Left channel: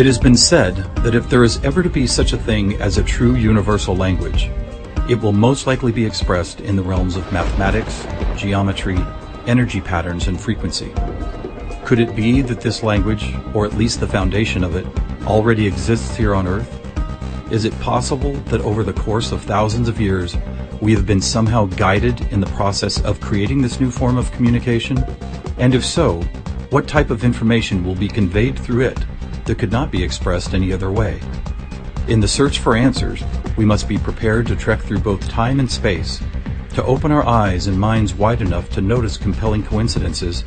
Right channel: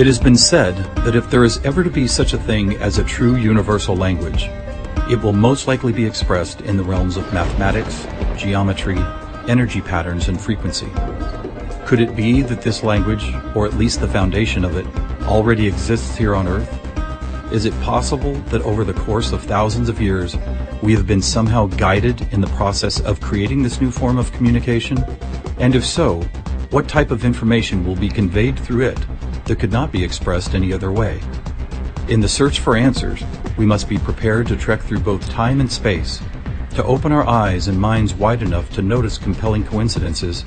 It has been said that if there is ever to be such a thing as a true universal language, it will most likely be expressed in the realms of mathematics, geometry, energy patterns, and frequency. Could it be that this language, or at least the foundation of it, already exists here on Earth? Is it possible that over the course of thousands of years, we have been somehow guided in the process of creating this new form of communication? And if so, what type of information will be conveyed through it that could not be expressed any other way? In the search for answers, we must be prepared to trek through both time and space, to open our eyes and minds wide enough to notice compelling coincidences,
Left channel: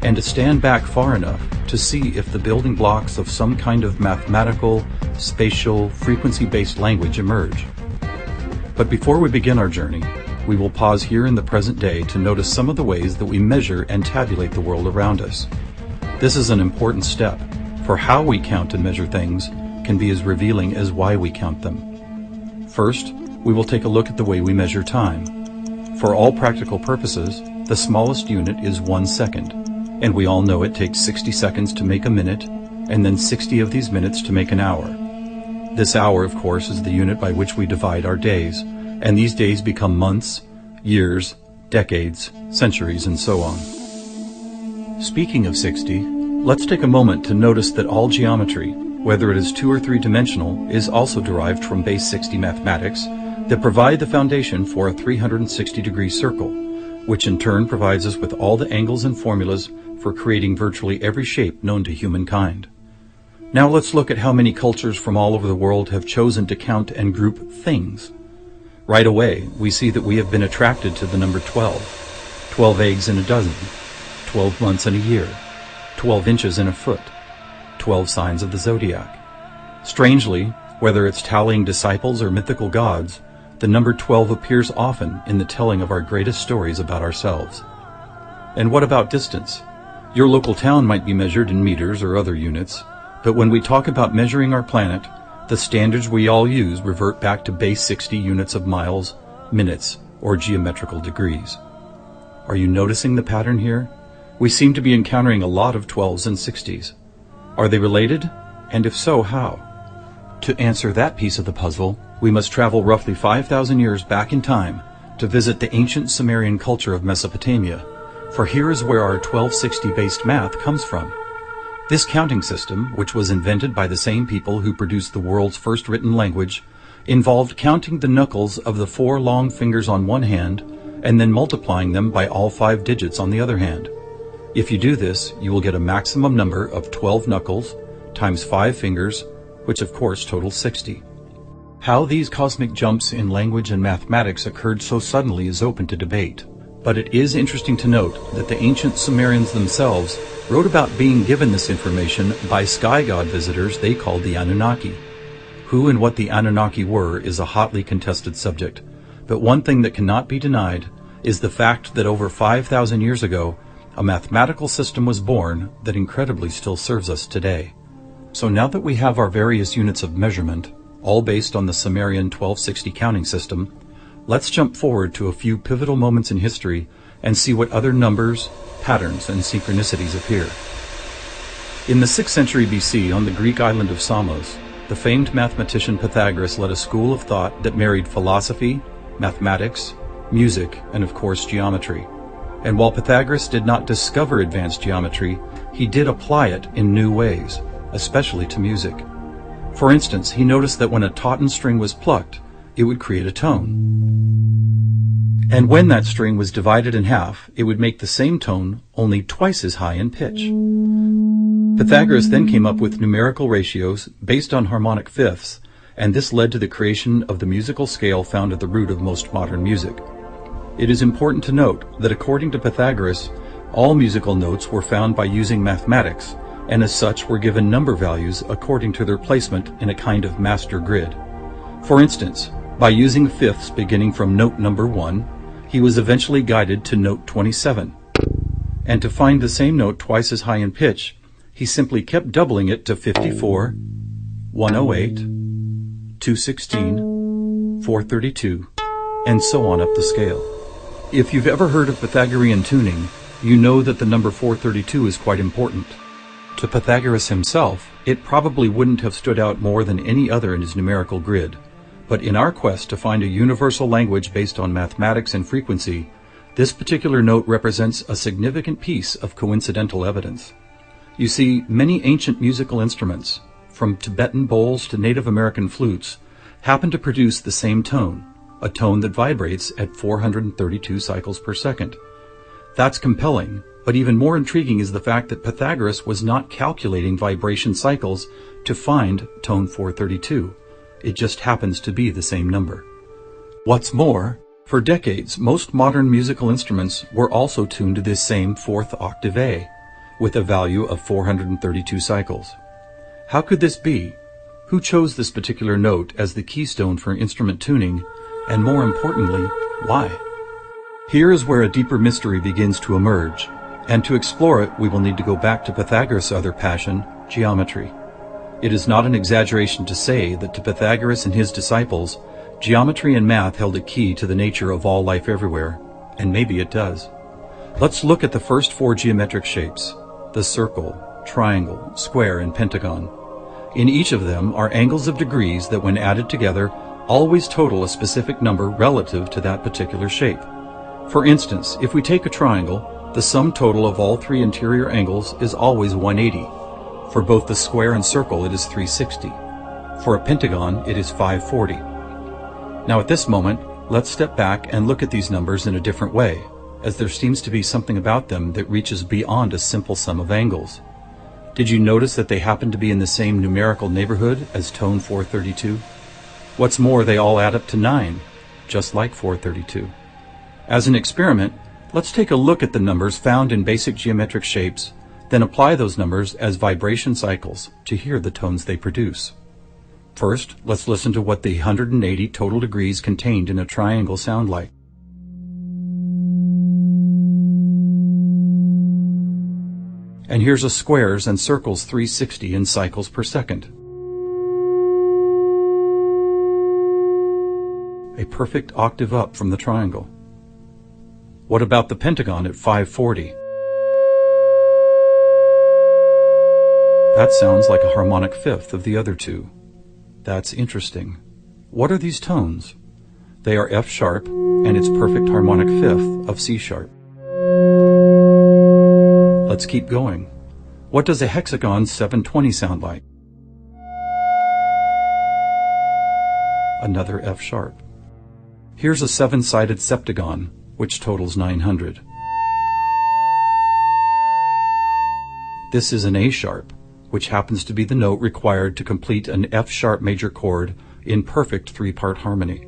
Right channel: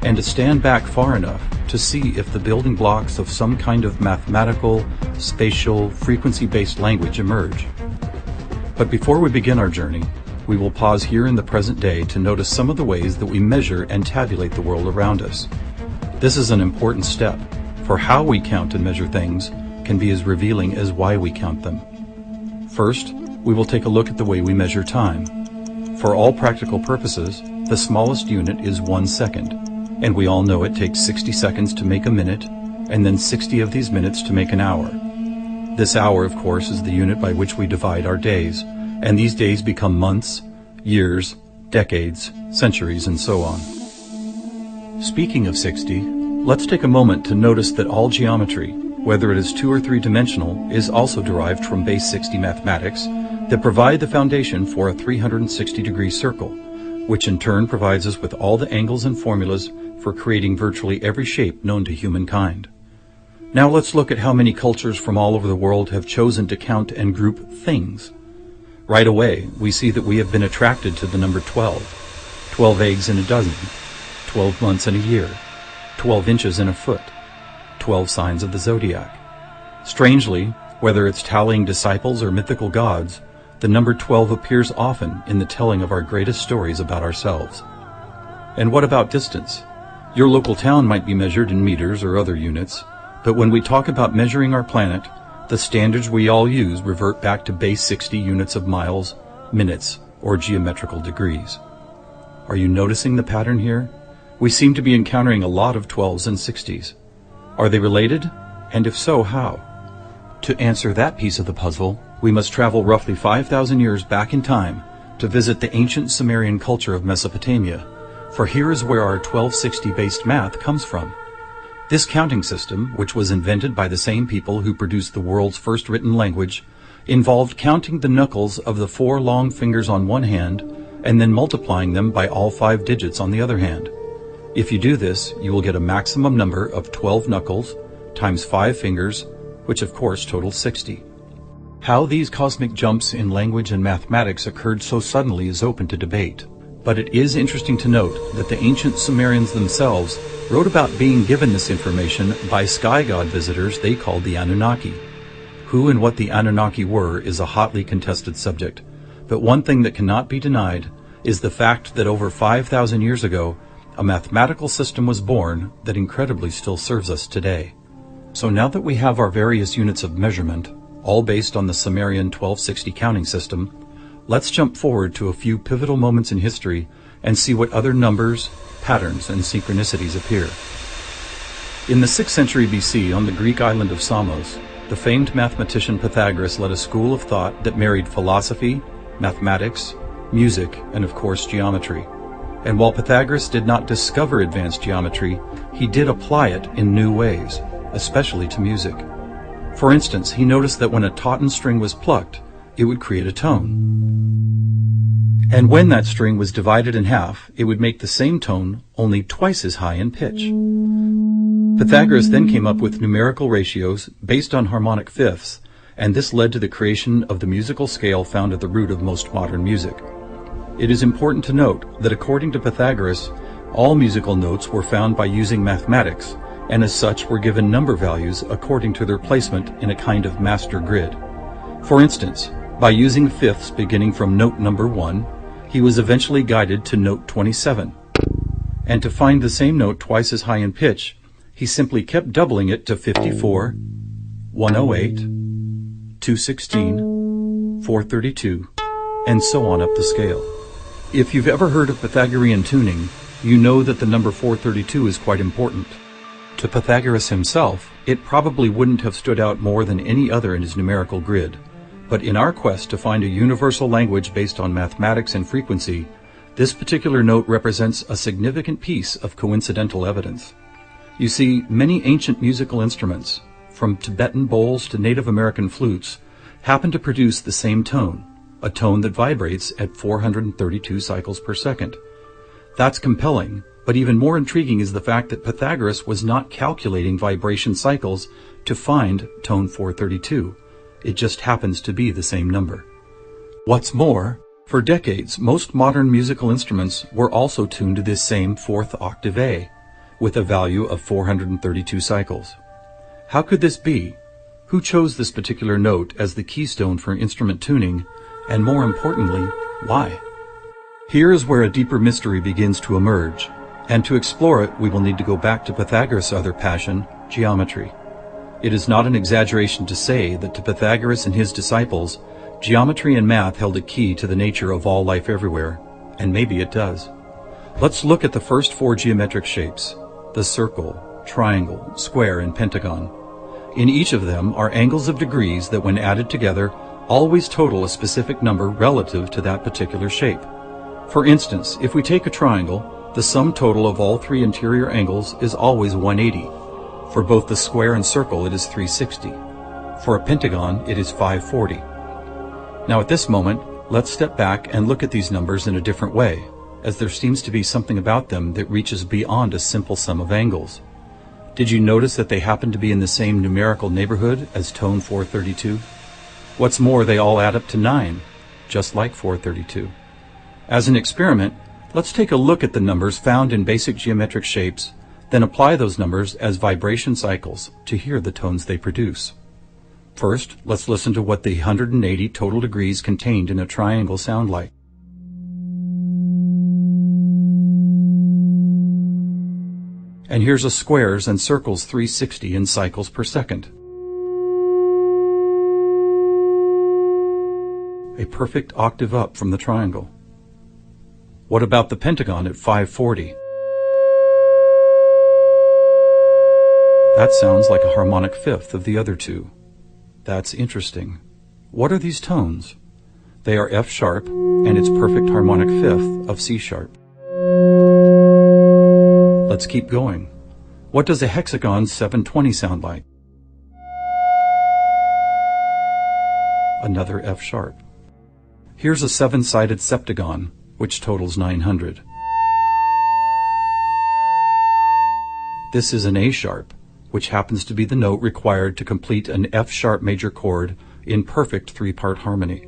and to stand back far enough to see if the building blocks of some kind of mathematical, spatial, frequency-based language emerge. But before we begin our journey, we will pause here in the present day to notice some of the ways that we measure and tabulate the world around us. This is an important step, for how we count and measure things can be as revealing as why we count them. First, we will take a look at the way we measure time. For all practical purposes, the smallest unit is 1 second, and we all know it takes 60 seconds to make a minute, and then 60 of these minutes to make an hour. This hour, of course, is the unit by which we divide our days, and these days become months, years, decades, centuries, and so on. Speaking of 60, let's take a moment to notice that all geometry, whether it is 2 or 3 dimensional, is also derived from base 60 mathematics that provide the foundation for a 360-degree circle, which in turn provides us with all the angles and formulas for creating virtually every shape known to humankind. Now let's look at how many cultures from all over the world have chosen to count and group things. Right away, we see that we have been attracted to the number 12. 12 eggs in a dozen, 12 months in a year, 12 inches in a foot, 12 signs of the zodiac. Strangely, whether it's tallying disciples or mythical gods, the number 12 appears often in the telling of our greatest stories about ourselves. And what about distance? Your local town might be measured in meters or other units, but when we talk about measuring our planet, the standards we all use revert back to base 60 units of miles, minutes, or geometrical degrees. Are you noticing the pattern here? We seem to be encountering a lot of 12s and 60s. Are they related? And if so, how? To answer that piece of the puzzle, we must travel roughly 5,000 years back in time to visit the ancient Sumerian culture of Mesopotamia, for here is where our 1260-based math comes from. This counting system, which was invented by the same people who produced the world's first written language, involved counting the knuckles of the 4 long fingers on one hand and then multiplying them by all 5 digits on the other hand. If you do this, you will get a maximum number of 12 knuckles times 5 fingers, which of course totals 60. How these cosmic jumps in language and mathematics occurred so suddenly is open to debate, but it is interesting to note that the ancient Sumerians themselves wrote about being given this information by sky god visitors they called the Anunnaki. Who and what the Anunnaki were is a hotly contested subject, but one thing that cannot be denied is the fact that over 5,000 years ago, a mathematical system was born that incredibly still serves us today. So now that we have our various units of measurement, all based on the Sumerian 1260 counting system, let's jump forward to a few pivotal moments in history and see what other numbers, patterns, and synchronicities appear. In the 6th century BC, on the Greek island of Samos, the famed mathematician Pythagoras led a school of thought that married philosophy, mathematics, music, and of course geometry. And while Pythagoras did not discover advanced geometry, he did apply it in new ways, especially to music. For instance, he noticed that when a tauten string was plucked, it would create a tone. And when that string was divided in half, it would make the same tone, only twice as high in pitch. Pythagoras then came up with numerical ratios based on harmonic fifths, and this led to the creation of the musical scale found at the root of most modern music. It is important to note that according to Pythagoras, all musical notes were found by using mathematics, and as such were given number values according to their placement in a kind of master grid. For instance, by using fifths beginning from note number 1, he was eventually guided to note 27. And to find the same note twice as high in pitch, he simply kept doubling it to 54, 108, 216, 432, and so on up the scale. If you've ever heard of Pythagorean tuning, you know that the number 432 is quite important. To Pythagoras himself, it probably wouldn't have stood out more than any other in his numerical grid. But in our quest to find a universal language based on mathematics and frequency, this particular note represents a significant piece of coincidental evidence. You see, many ancient musical instruments, from Tibetan bowls to Native American flutes, happen to produce the same tone, a tone that vibrates at 432 cycles per second. That's compelling, but even more intriguing is the fact that Pythagoras was not calculating vibration cycles to find tone 432. It just happens to be the same number. What's more, for decades, most modern musical instruments were also tuned to this same fourth octave A, with a value of 432 cycles. How could this be? Who chose this particular note as the keystone for instrument tuning, and more importantly, why? Here is where a deeper mystery begins to emerge, and to explore it we will need to go back to Pythagoras' other passion, geometry. It is not an exaggeration to say that to Pythagoras and his disciples, geometry and math held a key to the nature of all life everywhere, and maybe it does. Let's look at the first four geometric shapes, the circle, triangle, square, and pentagon. In each of them are angles of degrees that, when added together, always total a specific number relative to that particular shape. For instance, if we take a triangle, the sum total of all three interior angles is always 180. For both the square and circle, it is 360. For a pentagon, it is 540. Now at this moment, let's step back and look at these numbers in a different way, as there seems to be something about them that reaches beyond a simple sum of angles. Did you notice that they happen to be in the same numerical neighborhood as tone 432? What's more, they all add up to 9, just like 432. As an experiment, let's take a look at the numbers found in basic geometric shapes, then apply those numbers as vibration cycles to hear the tones they produce. First, let's listen to what the 180 total degrees contained in a triangle sound like. And here's a squares and circles 360 in cycles per second. A perfect octave up from the triangle. What about the pentagon at 540? That sounds like a harmonic fifth of the other two. That's interesting. What are these tones? They are F sharp and its perfect harmonic fifth of C sharp. Let's keep going. What does a hexagon 720 sound like? Another F sharp. Here's a seven-sided septagon, which totals 900. This is an A sharp, which happens to be the note required to complete an F sharp major chord in perfect three-part harmony.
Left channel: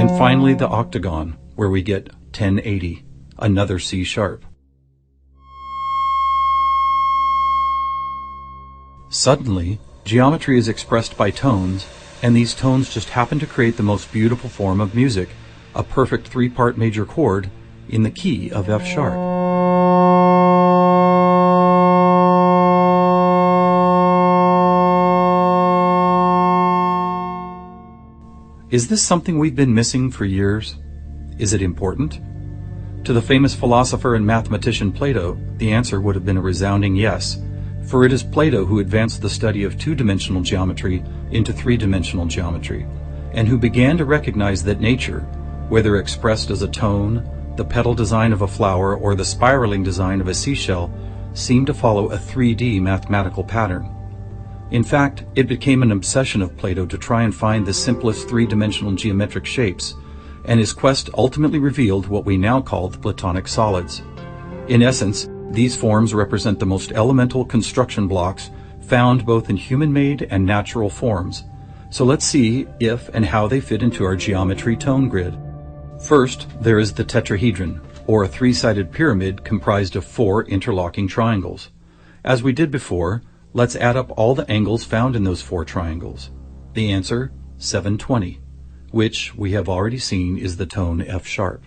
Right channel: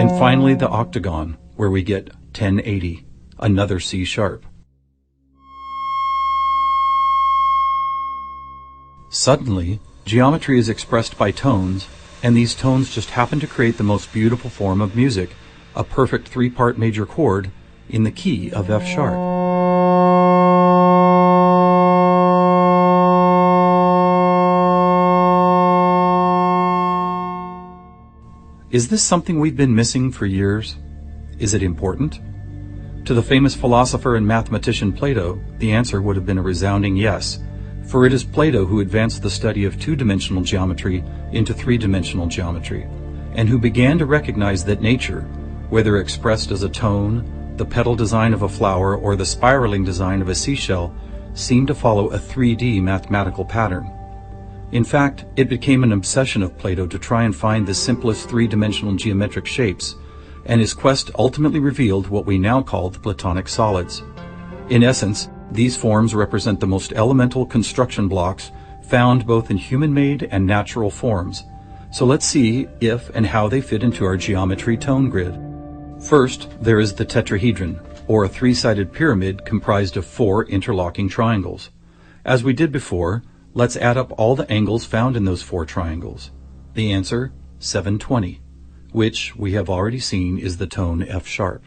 And finally the octagon, where we get 1080, another C sharp. Suddenly, geometry is expressed by tones, and these tones just happen to create the most beautiful form of music, a perfect three-part major chord in the key of F sharp. Is this something we've been missing for years? Is it important? To the famous philosopher and mathematician Plato, the answer would have been a resounding yes, for it is Plato who advanced the study of two-dimensional geometry into three-dimensional geometry, and who began to recognize that nature, whether expressed as a tone, the petal design of a flower, or the spiraling design of a seashell, seemed to follow a 3D mathematical pattern. In fact, it became an obsession of Plato to try and find the simplest three-dimensional geometric shapes, and his quest ultimately revealed what we now call the Platonic solids. In essence, these forms represent the most elemental construction blocks found both in human-made and natural forms. So let's see if and how they fit into our geometry tone grid. First, there is the tetrahedron, or a three-sided pyramid comprised of four interlocking triangles. As we did before, let's add up all the angles found in those four triangles. The answer, 720, which we have already seen is the tone F sharp.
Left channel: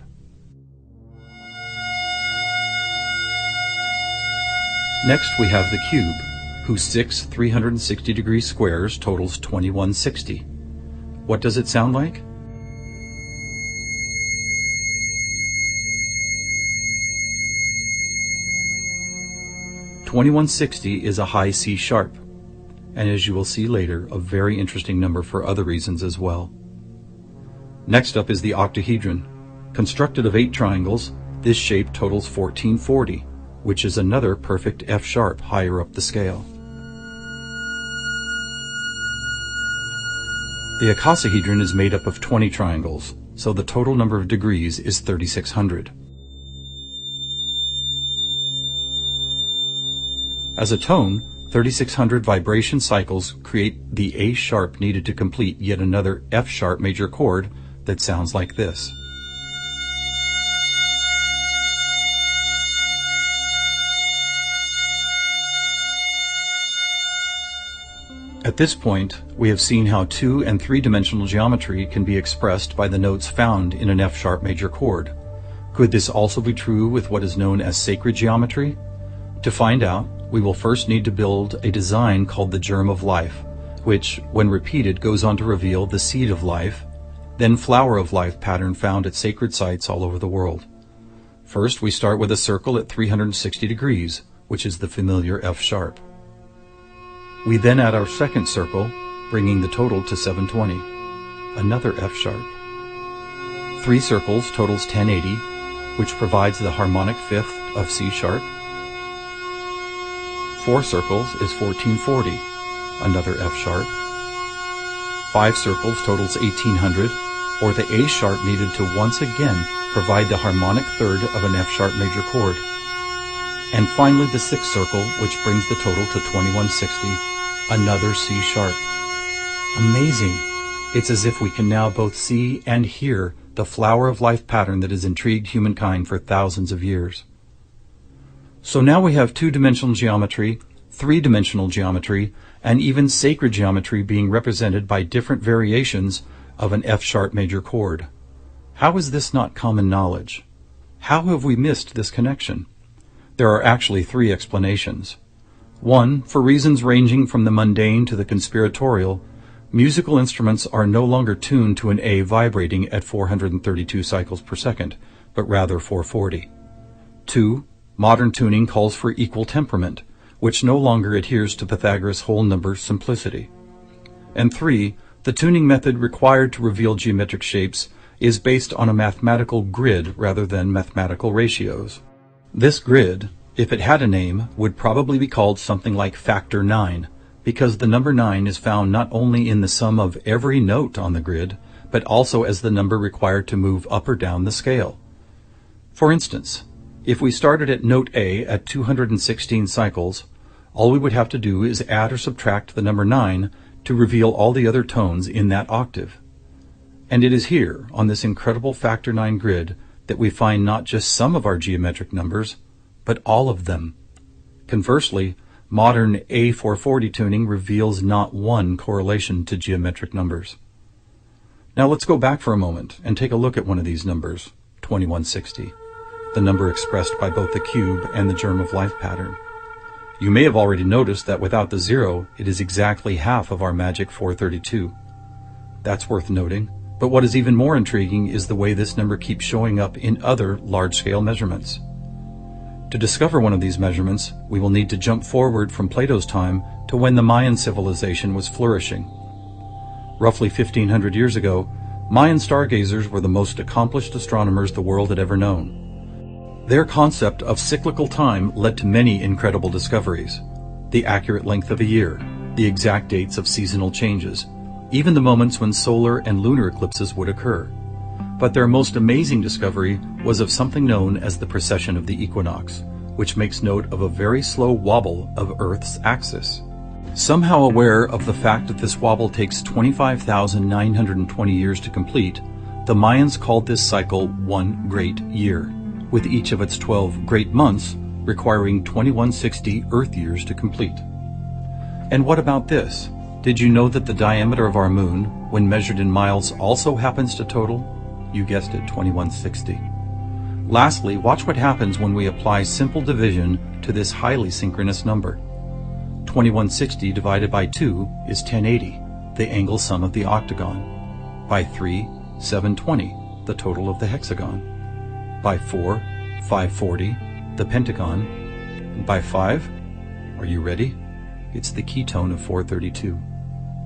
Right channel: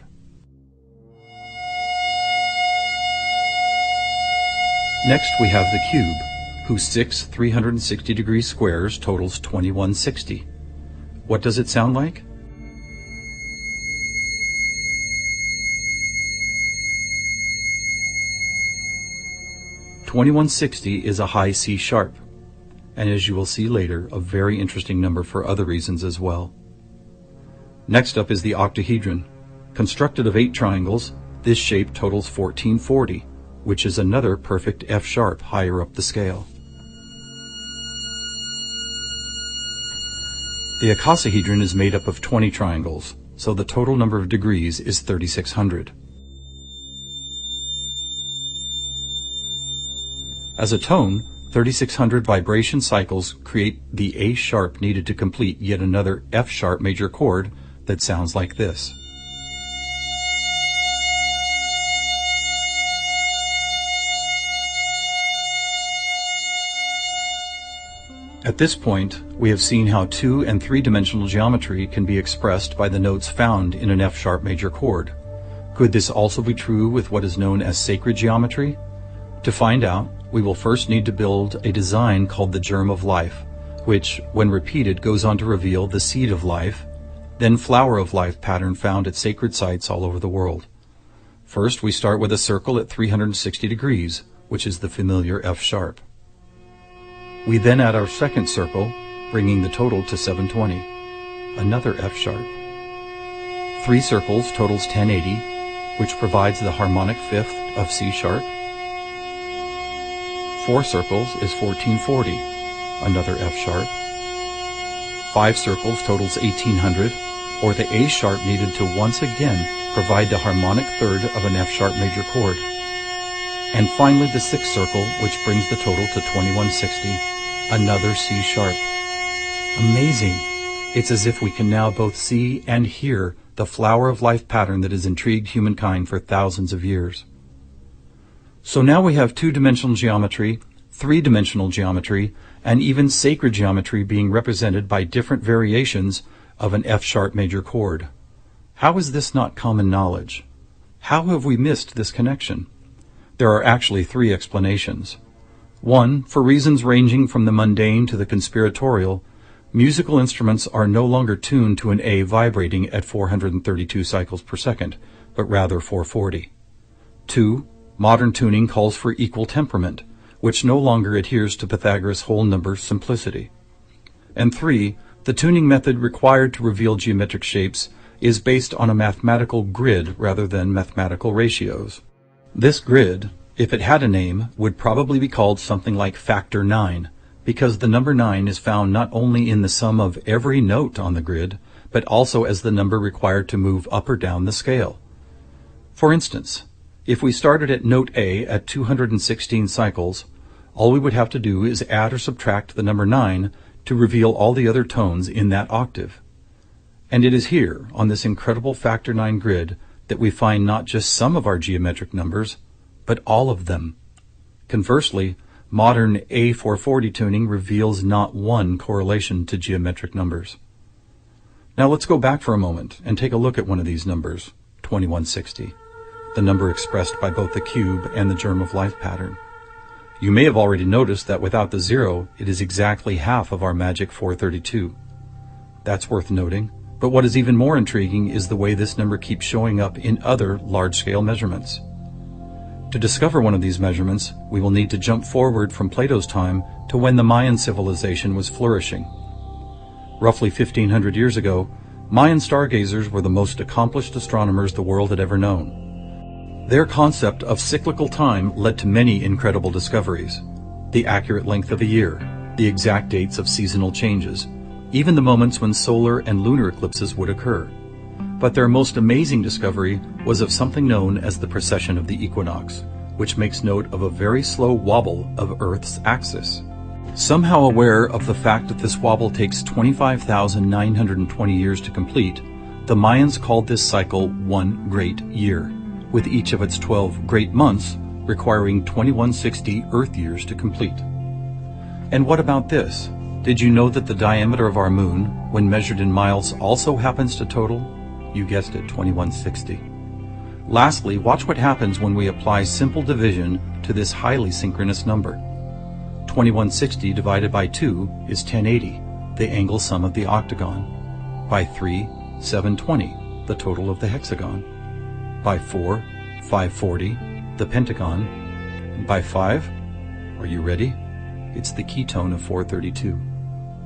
Next we have the cube, whose six 360-degree squares totals 2160. What does it sound like? 2160 is a high C sharp, and as you will see later, a very interesting number for other reasons as well. Next up is the octahedron. Constructed of 8 triangles, this shape totals 1440, which is another perfect F sharp higher up the scale. The icosahedron is made up of 20 triangles, so the total number of degrees is 3600. As a tone, 3600 vibration cycles create the A sharp needed to complete yet another F sharp major chord that sounds like this. At this point, we have seen how 2- and 3-dimensional geometry can be expressed by the notes found in an F sharp major chord. Could this also be true with what is known as sacred geometry? To find out, we will first need to build a design called the germ of life, which, when repeated, goes on to reveal the seed of life, then flower of life pattern found at sacred sites all over the world. First, we start with a circle at 360 degrees, which is the familiar F sharp. We then add our second circle, bringing the total to 720, another F sharp. 3 circles totals 1080, which provides the harmonic fifth of C sharp. 4 circles is 1440, another F sharp. 5 circles totals 1800, or the A sharp needed to once again provide the harmonic third of an F sharp major chord. And finally the 6th circle, which brings the total to 2160, another C sharp. Amazing! It's as if we can now both see and hear the flower of life pattern that has intrigued humankind for thousands of years. So now we have 2-dimensional geometry, 3-dimensional geometry, and even sacred geometry being represented by different variations of an F sharp major chord. How is this not common knowledge? How have we missed this connection? There are actually 3 explanations. 1, for reasons ranging from the mundane to the conspiratorial, musical instruments are no longer tuned to an A vibrating at 432 cycles per second, but rather 440. 2, modern tuning calls for equal temperament, which no longer adheres to Pythagoras' whole number simplicity. And 3, the tuning method required to reveal geometric shapes is based on a mathematical grid rather than mathematical ratios. This grid, if it had a name, would probably be called something like factor 9, because the number 9 is found not only in the sum of every note on the grid, but also as the number required to move up or down the scale. For instance, if we started at note A at 216 cycles, all we would have to do is add or subtract the number 9 to reveal all the other tones in that octave. And it is here, on this incredible factor 9 grid, that we find not just some of our geometric numbers, but all of them. Conversely, modern A440 tuning reveals not one correlation to geometric numbers. Now let's go back for a moment and take a look at one of these numbers, 2160, the number expressed by both the cube and the germ of life pattern. You may have already noticed that without the 0, it is exactly half of our magic 432. That's worth noting, but what is even more intriguing is the way this number keeps showing up in other large-scale measurements. To discover one of these measurements, we will need to jump forward from Plato's time to when the Mayan civilization was flourishing. Roughly 1500 years ago, Mayan stargazers were the most accomplished astronomers the world had ever known. Their concept of cyclical time led to many incredible discoveries: the accurate length of a year, the exact dates of seasonal changes, even the moments when solar and lunar eclipses would occur. But their most amazing discovery was of something known as the precession of the equinox, which makes note of a very slow wobble of Earth's axis. Somehow aware of the fact that this wobble takes 25,920 years to complete, the Mayans called this cycle one great year, with each of its 12 great months requiring 2160 Earth years to complete. And what about this? Did you know that the diameter of our moon, when measured in miles, also happens to total, you guessed it, 2160? Lastly, watch what happens when we apply simple division to this highly synchronous number. 2160 divided by 2 is 1080, the angle sum of the octagon. By 3, 720, the total of the hexagon. By 4, 540, the pentagon. By 5, Are you ready? It's the ketone of 432.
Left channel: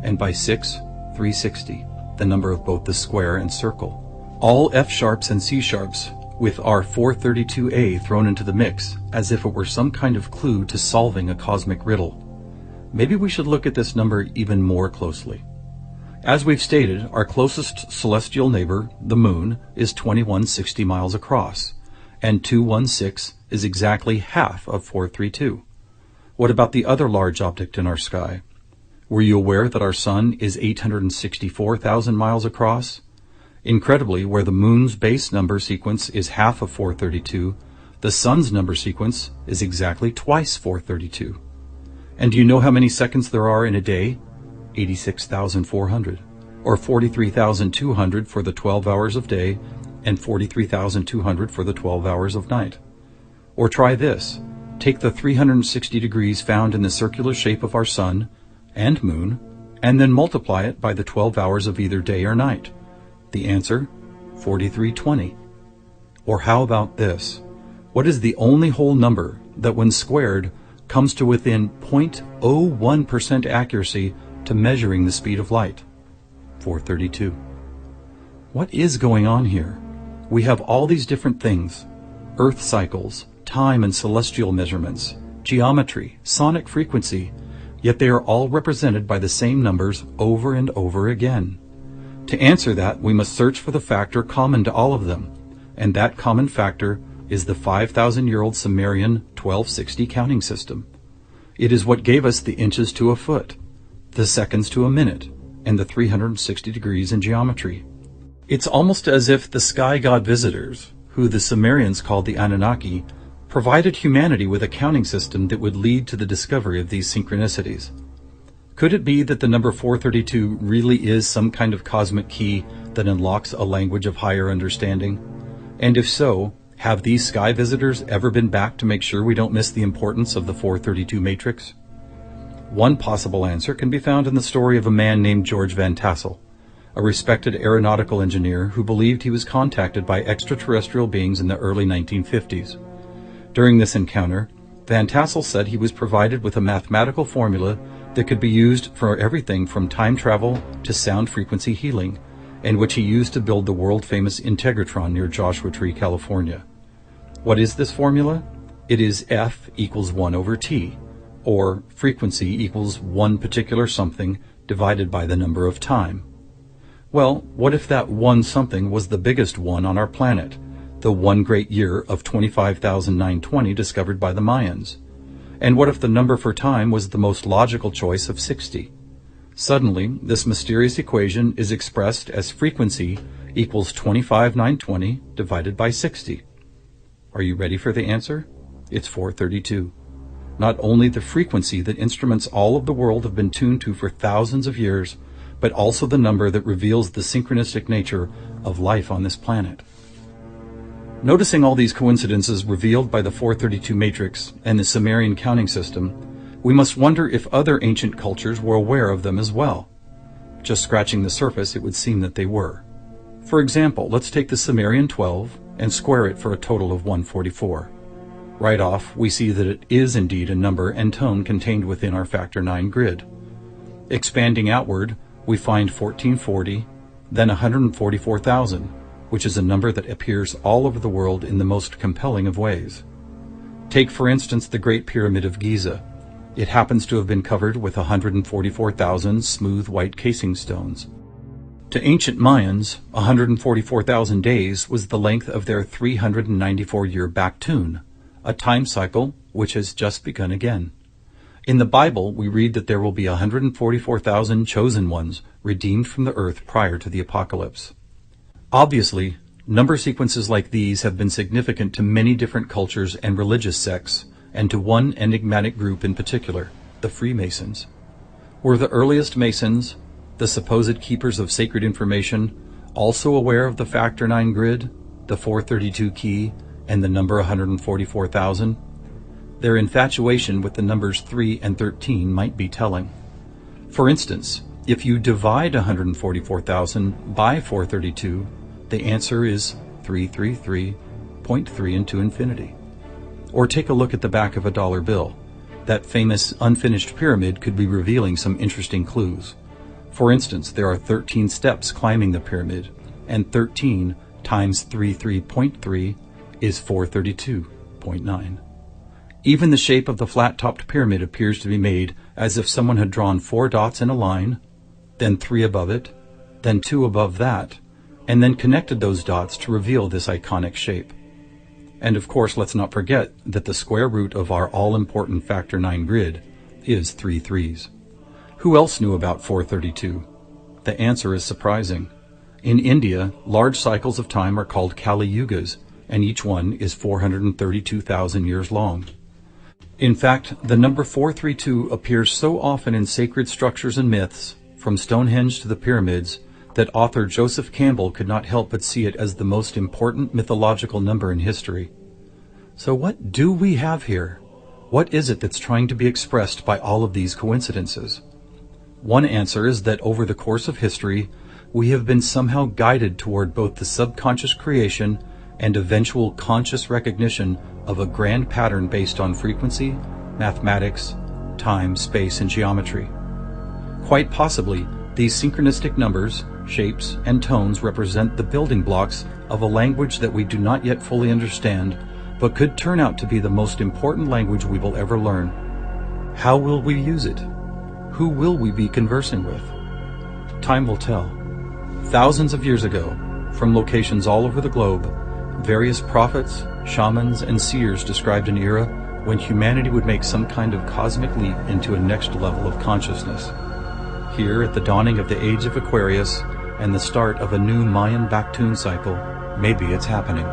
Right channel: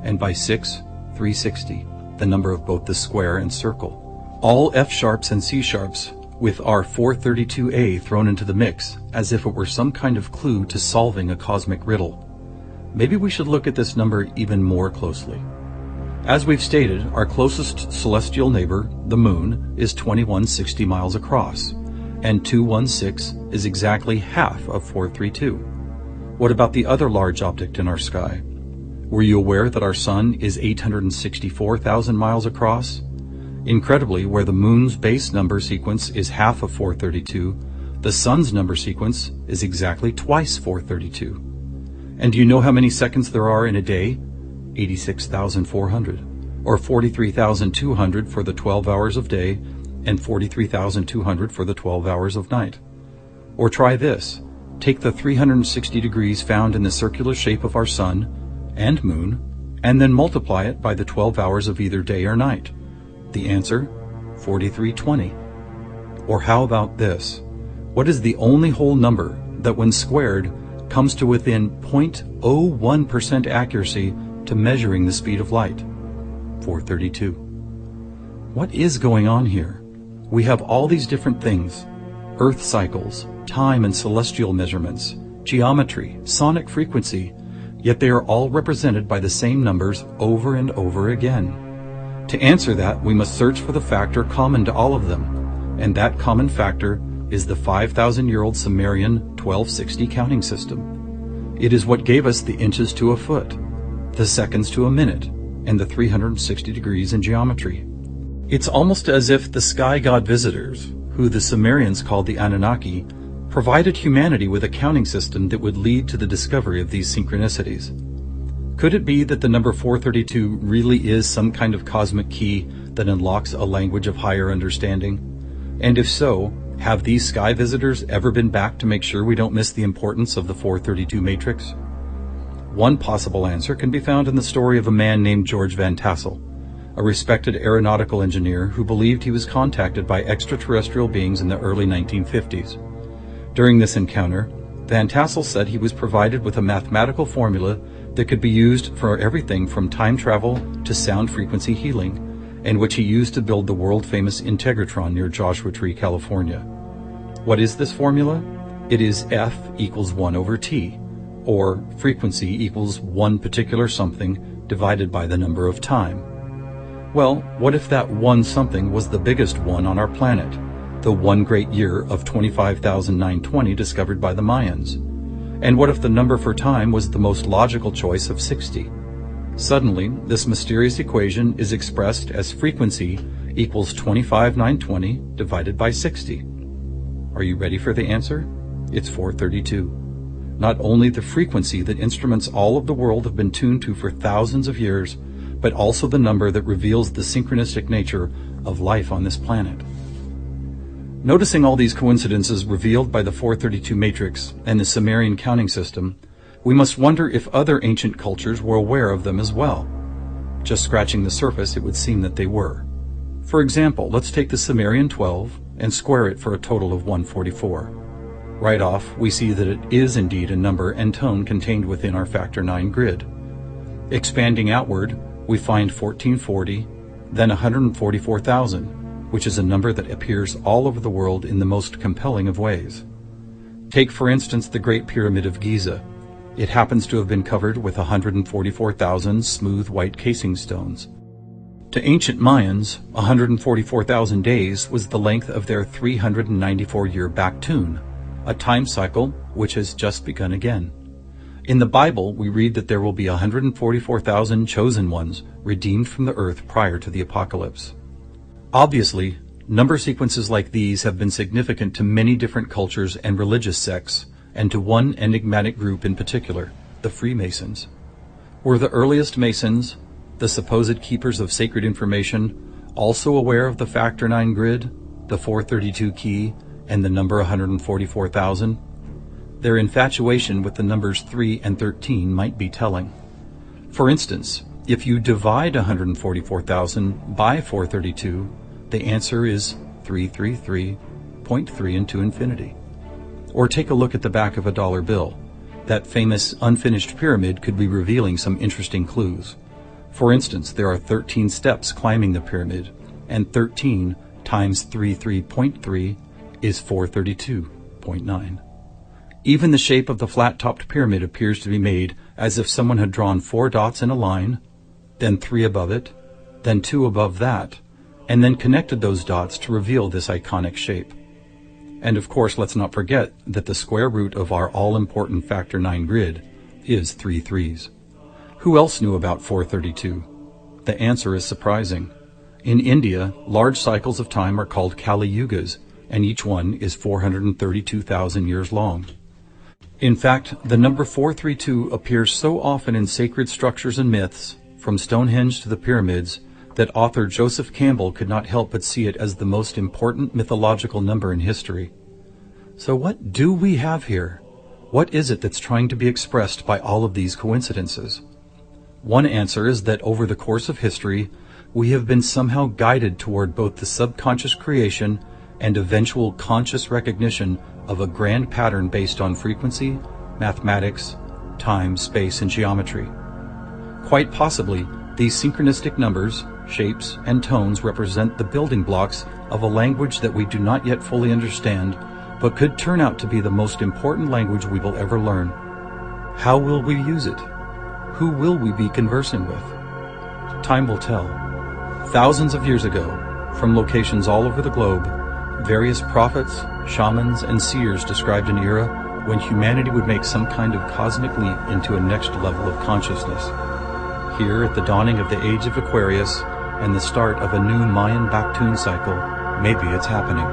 And by 6, 360, the number of both the square and circle. All F sharps and C sharps, with our 432A thrown into the mix, as if it were some kind of clue to solving a cosmic riddle. Maybe we should look at this number even more closely. As we've stated, our closest celestial neighbor, the Moon, is 2160 miles across, and 216 is exactly half of 432. What about the other large object in our sky? Were you aware that our Sun is 864,000 miles across? Incredibly, where the Moon's base number sequence is half of 432, the Sun's number sequence is exactly twice 432. And do you know how many seconds there are in a day? 86,400, or 43,200 for the 12 hours of day, and 43,200 for the 12 hours of night. Or try this. Take the 360 degrees found in the circular shape of our Sun and Moon, and then multiply it by the 12 hours of either day or night. The answer, 4320. Or how about this? What is the only whole number that when squared comes to within 0.01% accuracy to measuring the speed of light? 432. What is going on here? We have all these different things: Earth cycles, time and celestial measurements, geometry, sonic frequency, yet they are all represented by the same numbers over and over again. To answer that, we must search for the factor common to all of them, and that common factor is the 5,000-year-old Sumerian 1260 counting system. It is what gave us the inches to a foot, the seconds to a minute, and the 360 degrees in geometry. It's almost as if the sky god visitors, who the Sumerians called the Anunnaki, provided humanity with a counting system that would lead to the discovery of these synchronicities. Could it be that the number 432 really is some kind of cosmic key that unlocks a language of higher understanding? And if so, have these sky visitors ever been back to make sure we don't miss the importance of the 432 matrix? One possible answer can be found in the story of a man named George Van Tassel, a respected aeronautical engineer who believed he was contacted by extraterrestrial beings in the early 1950s. During this encounter, Van Tassel said he was provided with a mathematical formula that could be used for everything from time travel to sound frequency healing, and which he used to build the world-famous Integratron near Joshua Tree, California. What is this formula? It is F equals 1 over T, or frequency equals one particular something divided by the number of time. Well, what if that one something was the biggest one on our planet, the one great year of 25,920 discovered by the Mayans? And what if the number for time was the most logical choice of 60? Suddenly, this mysterious equation is expressed as frequency equals 25,920 divided by 60. Are you ready for the answer? It's 432. Not only the frequency that instruments all of the world have been tuned to for thousands of years, but also the number that reveals the synchronistic nature of life on this planet. Noticing all these coincidences revealed by the 432 matrix and the Sumerian counting system, we must wonder if other ancient cultures were aware of them as well. Just scratching the surface, it would seem that they were. For example, let's take the Sumerian 12 and square it for a total of 144. Right off, we see that it is indeed a number and tone contained within our factor 9 grid. Expanding outward, we find 1440, then 144,000, which is a number that appears all over the world in the most compelling of ways. Take, for instance, the Great Pyramid of Giza. It happens to have been covered with 144,000 smooth white casing stones. To ancient Mayans, 144,000 days was the length of their 394-year back tune, a time cycle which has just begun again. In the Bible, we read that there will be 144,000 chosen ones redeemed from the earth prior to the apocalypse. Obviously, number sequences like these have been significant to many different cultures and religious sects, and to one enigmatic group in particular, the Freemasons. Were the earliest Masons, the supposed keepers of sacred information, also aware of the factor 9 grid, the 432 key, and the number 144,000? Their infatuation with the numbers 3 and 13 might be telling. For instance, if you divide 144,000 by 432, the answer is 333.3 into infinity. Or take a look at the back of a dollar bill. That famous unfinished pyramid could be revealing some interesting clues. For instance, there are 13 steps climbing the pyramid, and 13 times 33.3 is 432.9. Even the shape of the flat-topped pyramid appears to be made as if someone had drawn 4 dots in a line, then 3 above it, then 2 above that, and then connected those dots to reveal this iconic shape. And of course, let's not forget that the square root of our all-important factor 9 grid is 3 threes. Who else knew about 432? The answer is surprising. In India, large cycles of time are called Kali Yugas, and each one is 432,000 years long. In fact, the number 432 appears so often in sacred structures and myths, from Stonehenge to the pyramids, that author Joseph Campbell could not help but see it as the most important mythological number in history. So what do we have here? What is it that's trying to be expressed by all of these coincidences? One answer is that over the course of history, we have been somehow guided toward both the subconscious creation and eventual conscious recognition of a grand pattern based on frequency, mathematics, time, space, and geometry. Quite possibly, these synchronistic numbers, shapes, and tones represent the building blocks of a language that we do not yet fully understand, but could turn out to be the most important language we will ever learn. How will we use it? Who will we be conversing with? Time will tell. Thousands of years ago, from locations all over the globe, various prophets, shamans, and seers described an era when humanity would make some kind of cosmic leap into a next level of consciousness. Here, at the dawning of the age of Aquarius and the start of a new Mayan Baktun cycle, maybe it's happening.